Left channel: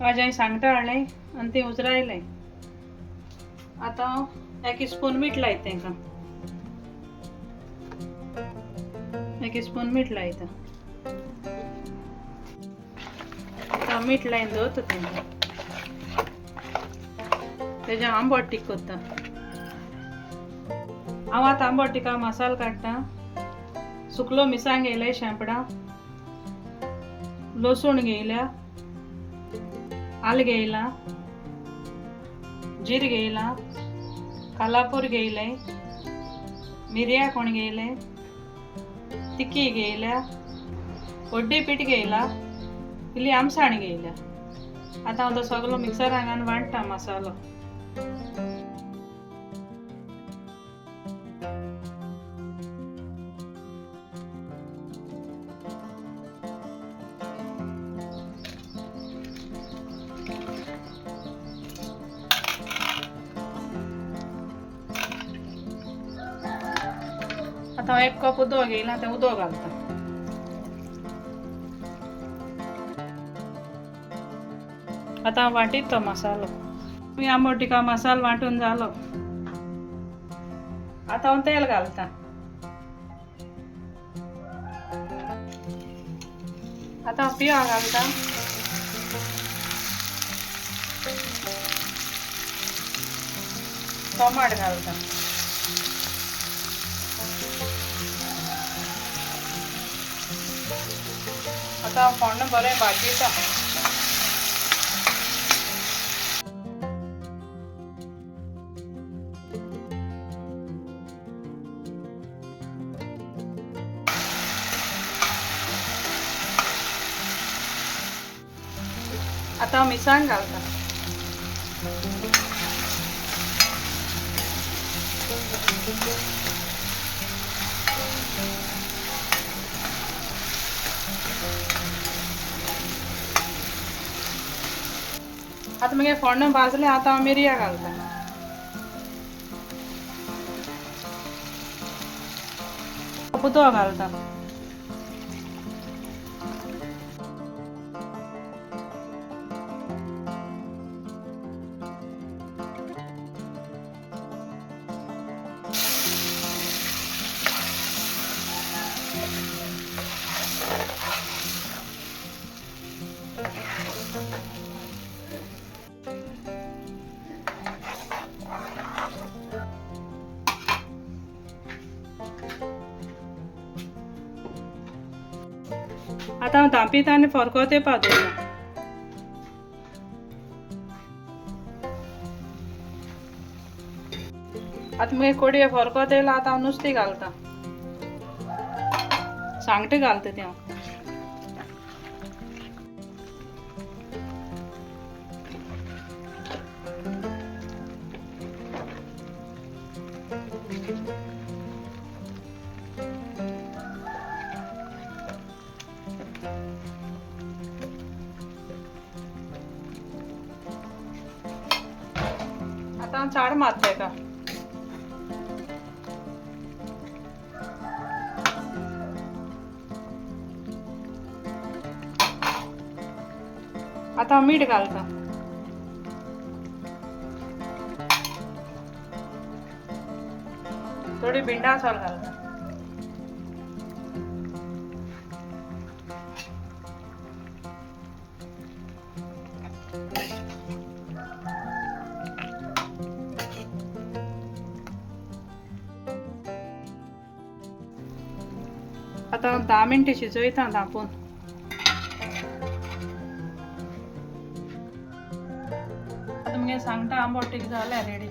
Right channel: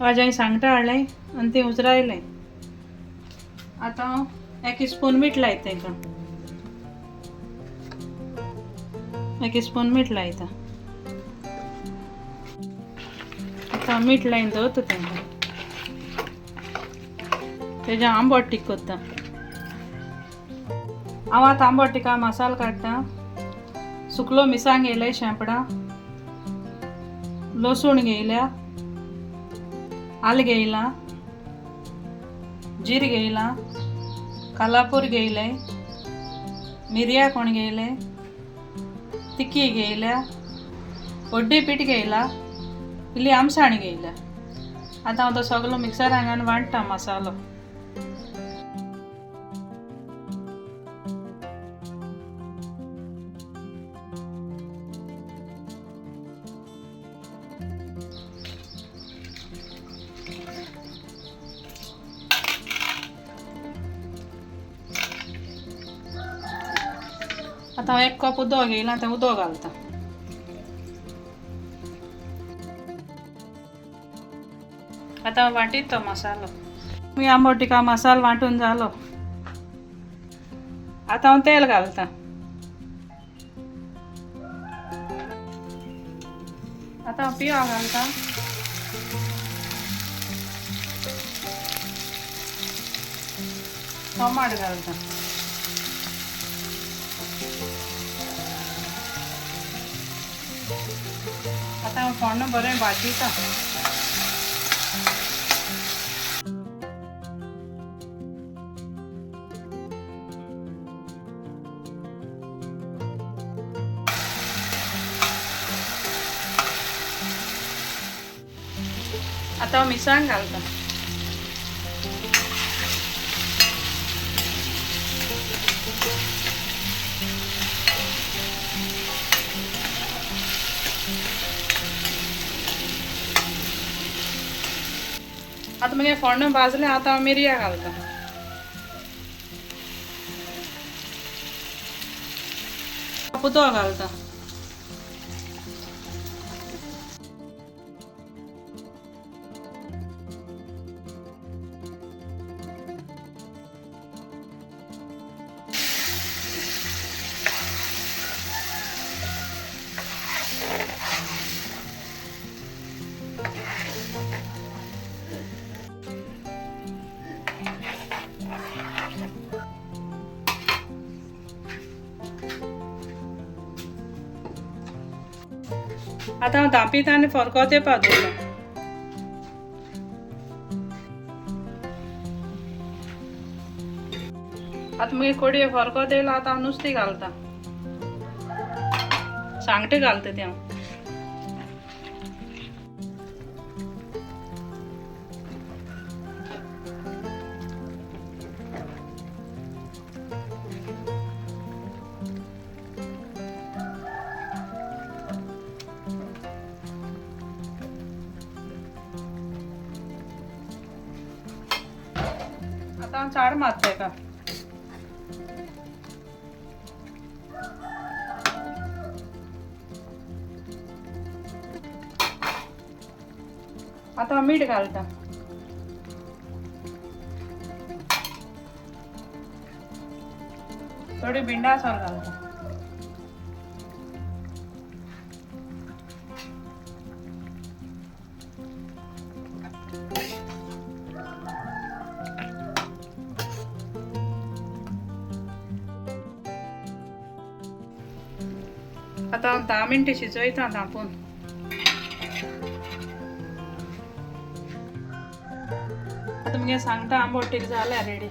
वाजय सांगता हाडलें आनी तें उजरायलें. आतां 1 स्पून मीठ लायता तेका. 1 स्पून मीठ लायता. आतां मीठ लायन दवरता तेका. तेजें आंबट तीख करता. हांव आतां आंबट तिखा मसालो काडटा. सुकलो मिरसांग घेयल्या शेंपडां, लसूण घेयल्या, आलं घेयलां, जीर घेयलां, कालापूर घेयलें, मिरयां कोण घेयलें, तिखी घेयल्या, हळदी पीठ घेयला, इल्ली आमसाण घेयल्या. आतां हांव तो सगलो मिक्सरान घालून वांट्टा मसालो. आतां 1 कप उदक घेयलां तें उदक घालता. आतां वांटीत तो मसालो. मी आंबट तिखा मसालो वांटून जालो. आतां हांव तेल घालता. आतां हांव पिव घालता. टोमाट घालता. आतां हांव फोण्ण बरें भाजयता. आतां हांव मिरसांग घालता. आतां मगे फोण्ण भाजलें. आतां हांव मिरयां घालता. उदक घालता. आतां हांव धांपीत आनी फरकोत येवपा दवरता. आतां मगे कडये फरकोत येयला. आतां हांव नुस्तें घालता. सांगटे घालता तें हांव. आतां हांव चाड मारता तेका. आतां हांव मीठ घालता. थोडी भिंडासोल घालता. आतां हांव 10 मिनटां शिजयता धांपून. आतां मगे सांगटा आंबट तीख जाल्या रेडी.